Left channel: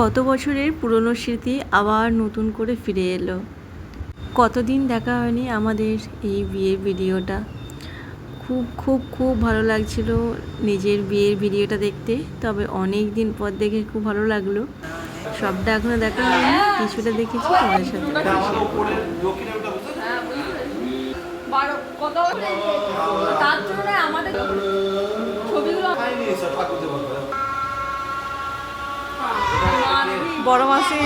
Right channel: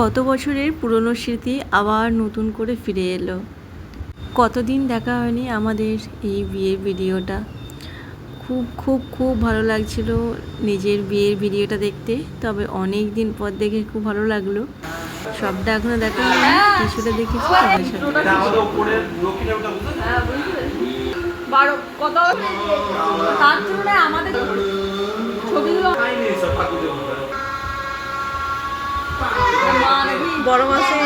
কত বছরের পুরনো স্মৃতি আবার নতুন করে ফিরে এলো। কতদিন দেখা হয়নি আমাদের এই বিয়ের ভিডিওটা। খুব খুব খুব ভালো লাগছিল নিজের বিয়ের ভিডিওটা দেখতে। তবে অনেক দিন পর দেখে খুব ভালো লাগলো। সবটা এখনো দেখা হয়নি, কিছুটা দেখেছি তোমাদের সাথে। বড় মাসে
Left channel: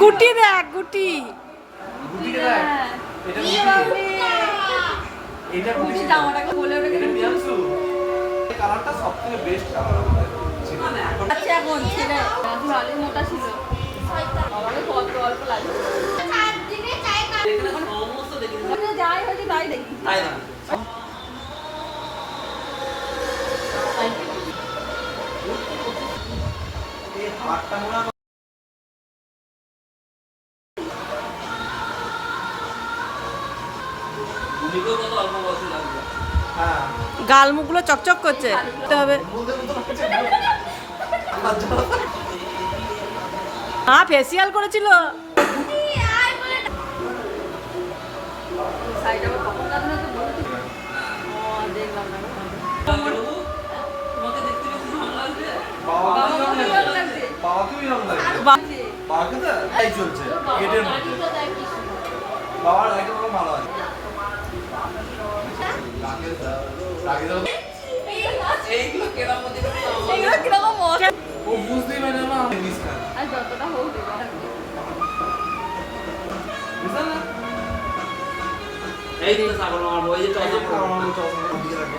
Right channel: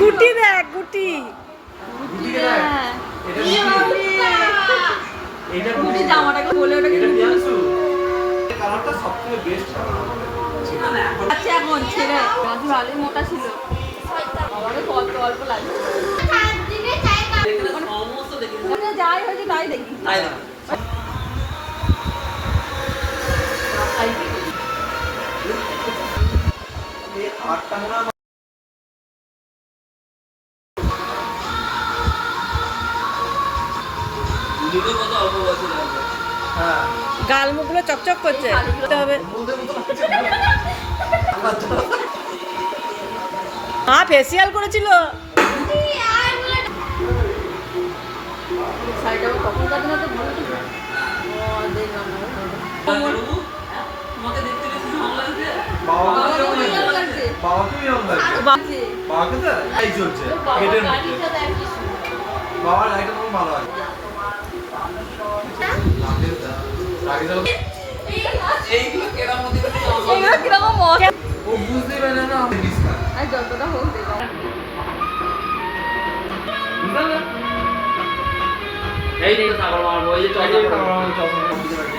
গুটি দেখ, গুটি এখন ছেলে মোটা ছিল যাই হয়েছে তাই দেখি। গাল মুখগুলো চকচক করছে। হ্যাঁ, ফেসিয়াল করেছিল। বাবার লাইটটা তখন ভালো আছে। ও বুঝতেই পারে না আমি রিস্কা আর যতটা হোক দেব বুঝলেন না? এই তো সাগর মার ওই যে এই যে খাওয়া চশমা দিতে লাগে।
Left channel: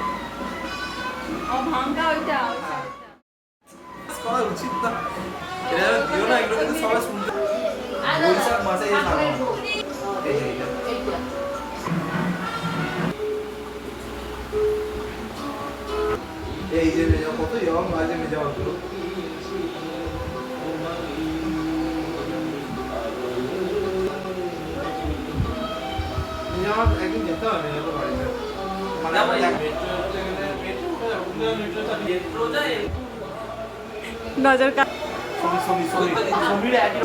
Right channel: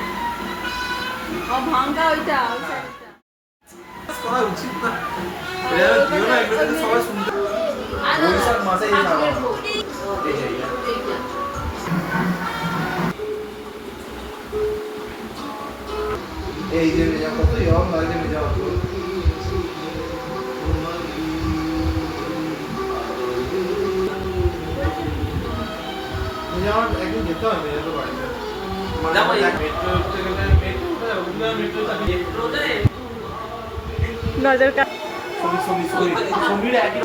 ও ভাঙা ওইটা ওই সাইডটা করা উচিত না। এরা দিও না, এগুলো যদি সবাই শুনতে বৈশাখ মাসে এই খাওয়া এই জায়গা এই যে কত ইয়ং লাগে নিজে হতো নিজে আমার একদিন যেতে হবে নিজে তো বাড়ি মানে মেট্রো উঠতে গেলে মেট্রো উঠে ওগুলো মেট্রো থাকে মেট্রোটা নজরটা সমীর একই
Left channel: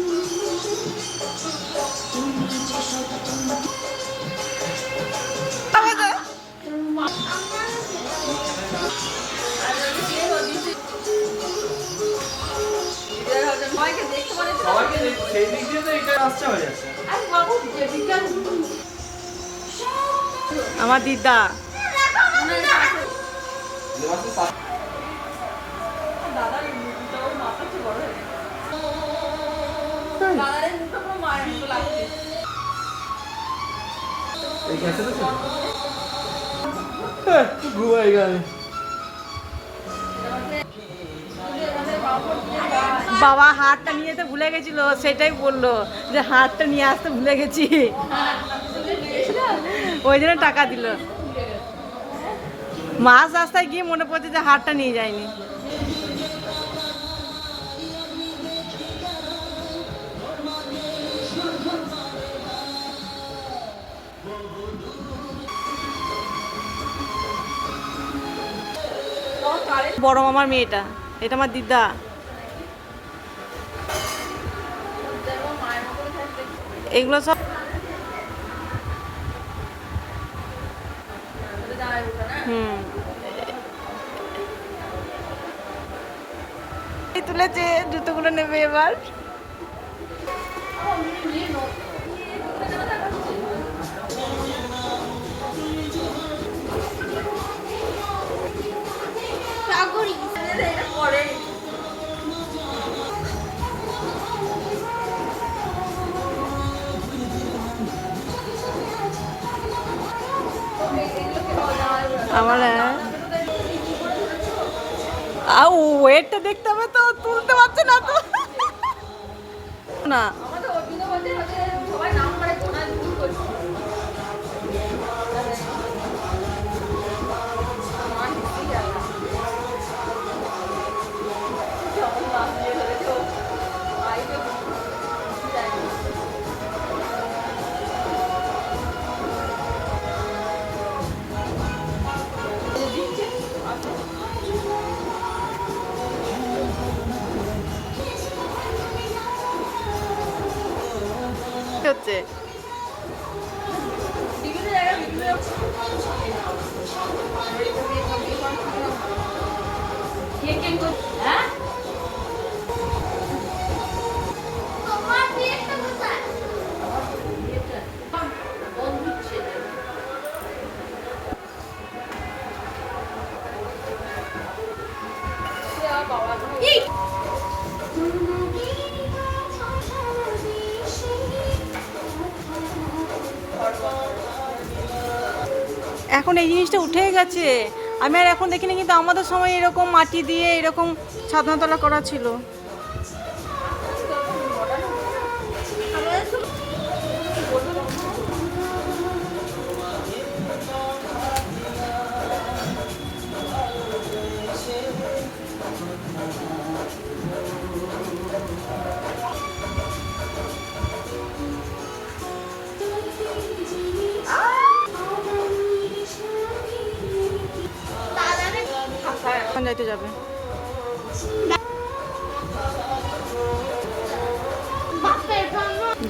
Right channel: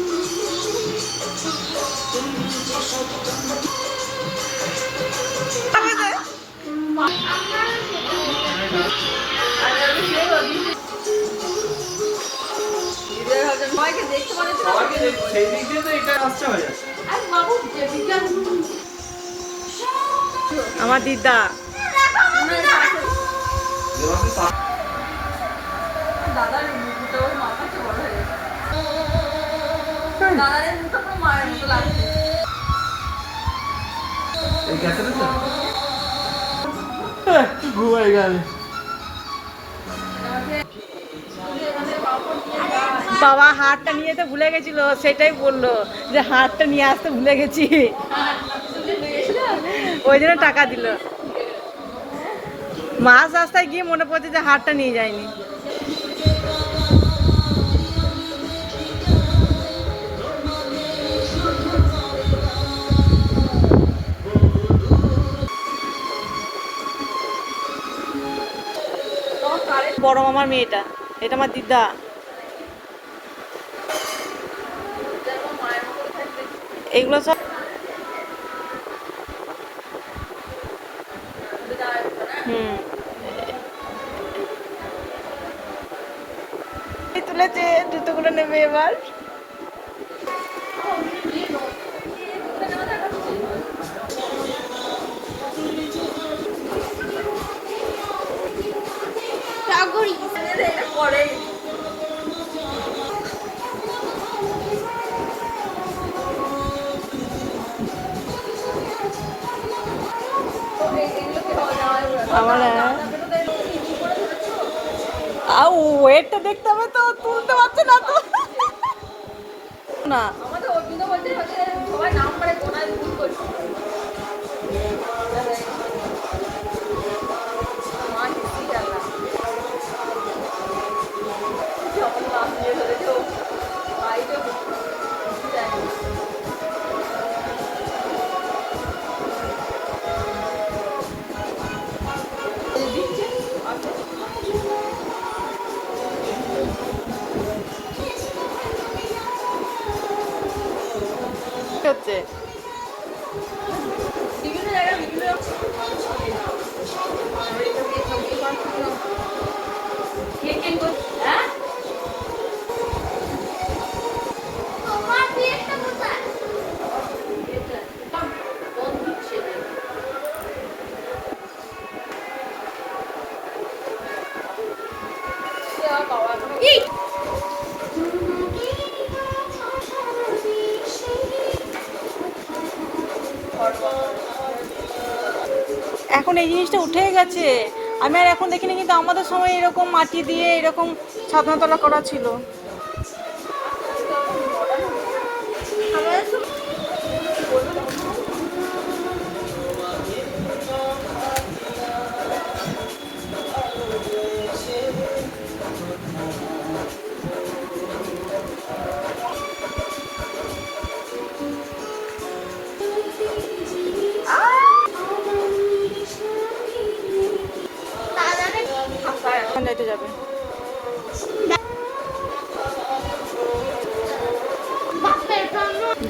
সেই দিক দিয়ে তো এটা আসতে হয়ে যাচ্ছে আমার দিদা দাদার মুখটা ওর মাথা তো বড় হয়ে গেছে দাদার মুখটা পুরো মায়ের মতো লাগছে এই ক্যাসে তো ঘুমাই গেল বাবা হারটা নিয়ে তো ভুলে গেছিল, সেটাই বললো যে হারটা নিয়ে আসতে ভুলে গেছি, ওই জন্য টাকা দিল। মাছ রাস্তায় গিয়ে মনে পড়ছে যে হারটা নিয়ে যায়নি। বড় মামার মেয়েটা, এটা আমার দিদা। এগুলো সব তুলেছে, জুতোগুলো নেবে এবার। আমার ওয়েটটা দেখতে হবে তো, তুলতে পারছে না তো না। আমাদের অর্জুন বলতে হচ্ছে সবাই নাম করে কোনায় ভুল করছে মা হিসি গেল যেমন নাম দিয়ে ধরেছে ভাইটা দিচ্ছে হচ্ছে বিভিন্ন জায়গায় বিভিন্ন হ্যাঁ এখন এই জিনিসটা উঠে গেছে। আমি আর এখন দেখিনি, কিন্তু আমাদের সময় এরকম মাটি দিয়ে এরকম ছাদনাতলা করা ছিল। যাইতে যাবে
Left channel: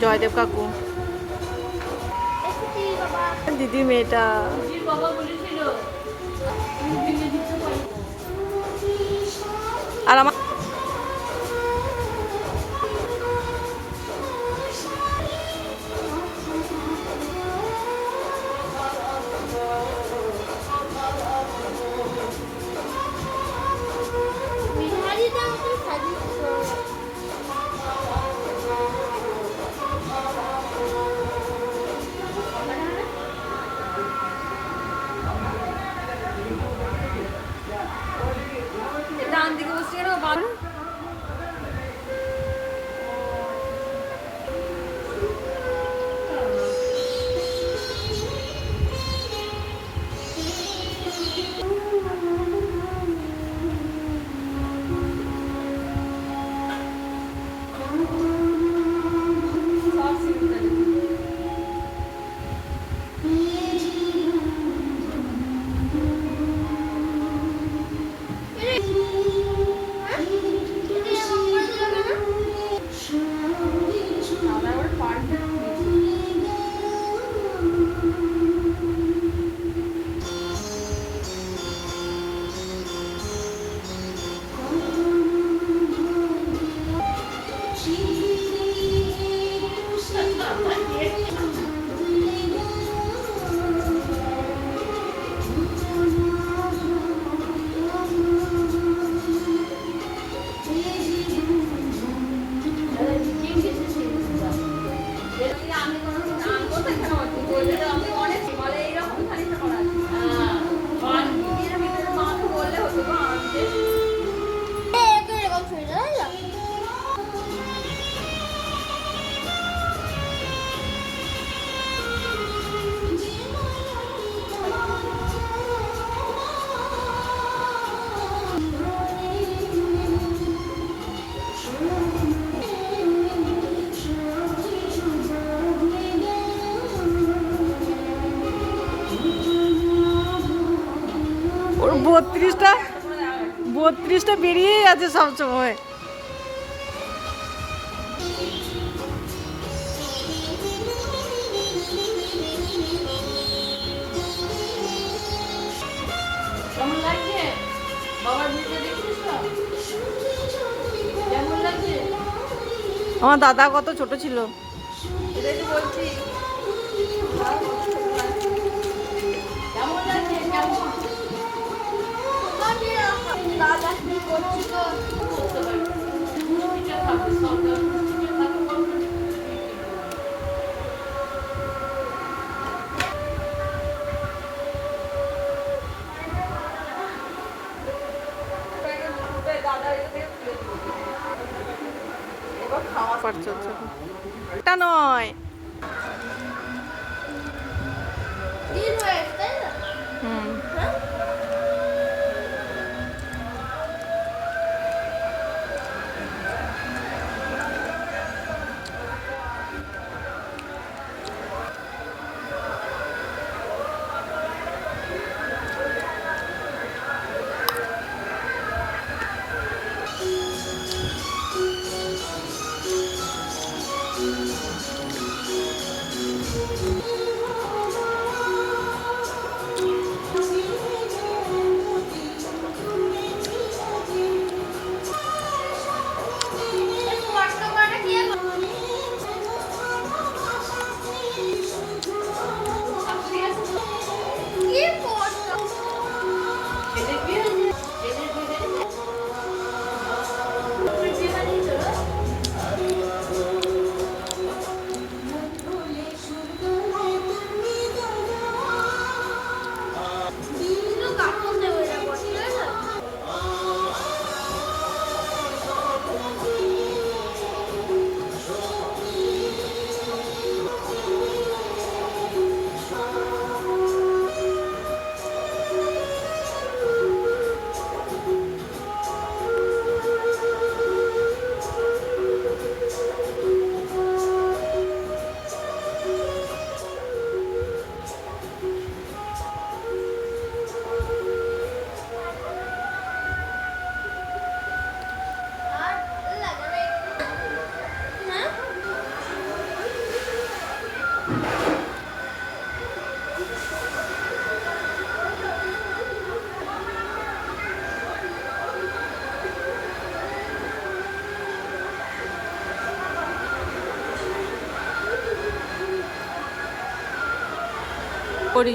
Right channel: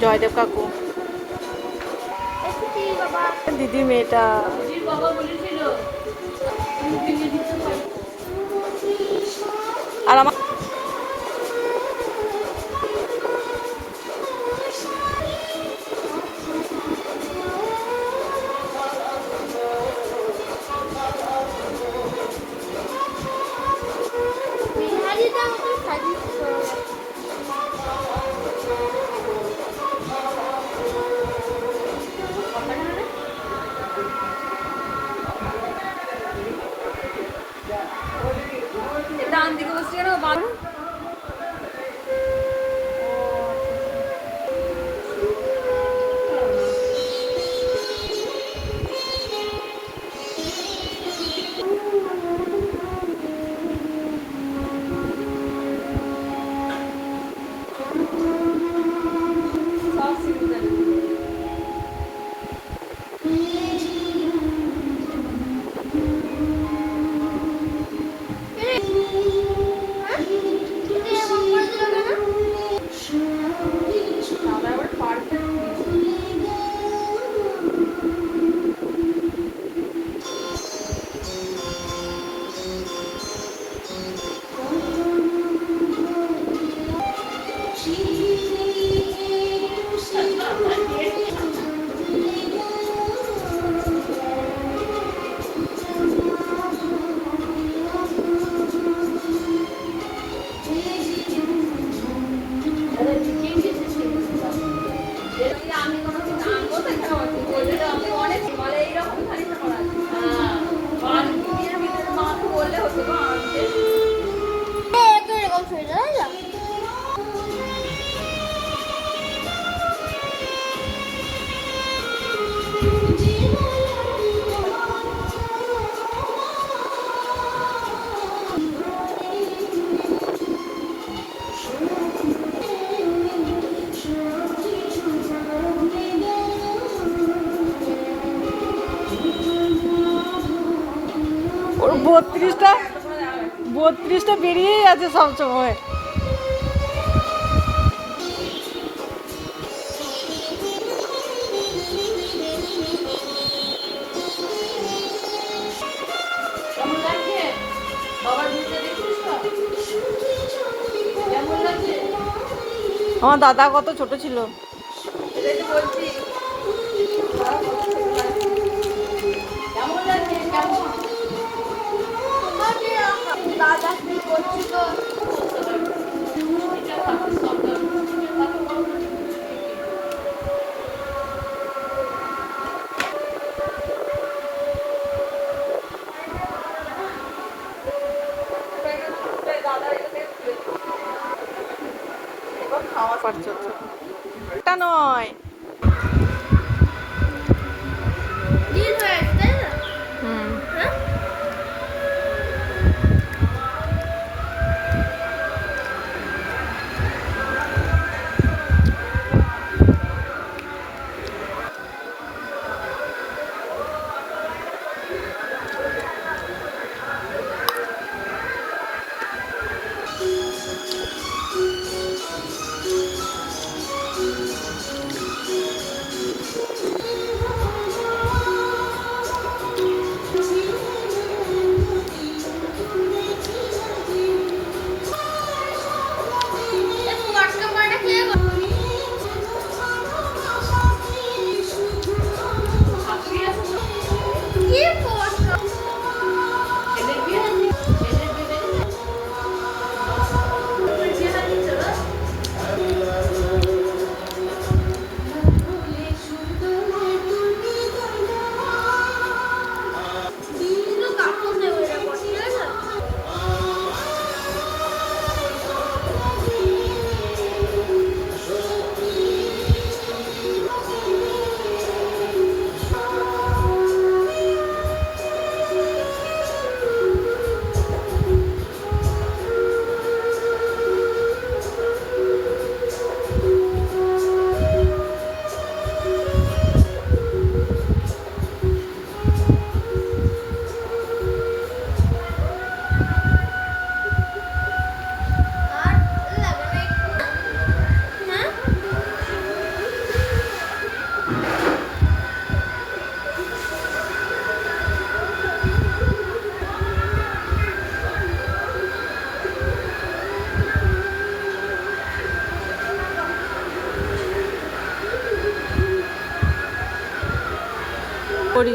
জয়দেব কাকু, দিদি মেয়েটা। আর আমার ডান দিকে বসছি কেন বারো আমি কোনো কিছু আনবো তো এখানে বললে আপনি অনেক বলে এইরকম খানিকটা করা আছে দিনের ভিতরে মাকে বললে হতো তো আনতে ওর 32টা বেরিয়েই আছে সবসময়। কেমন লাগছে বাবার ভিডিও দেখছিস তো কেমন লাগছে আমার দাদা কত ছোট ছিল। এটাই তো বলছি বাবা কত ছোট লাগছে কেমন লাগছে কেমন দাদা কি করছো খাওয়া পারছে এটা নয়। হুম করি।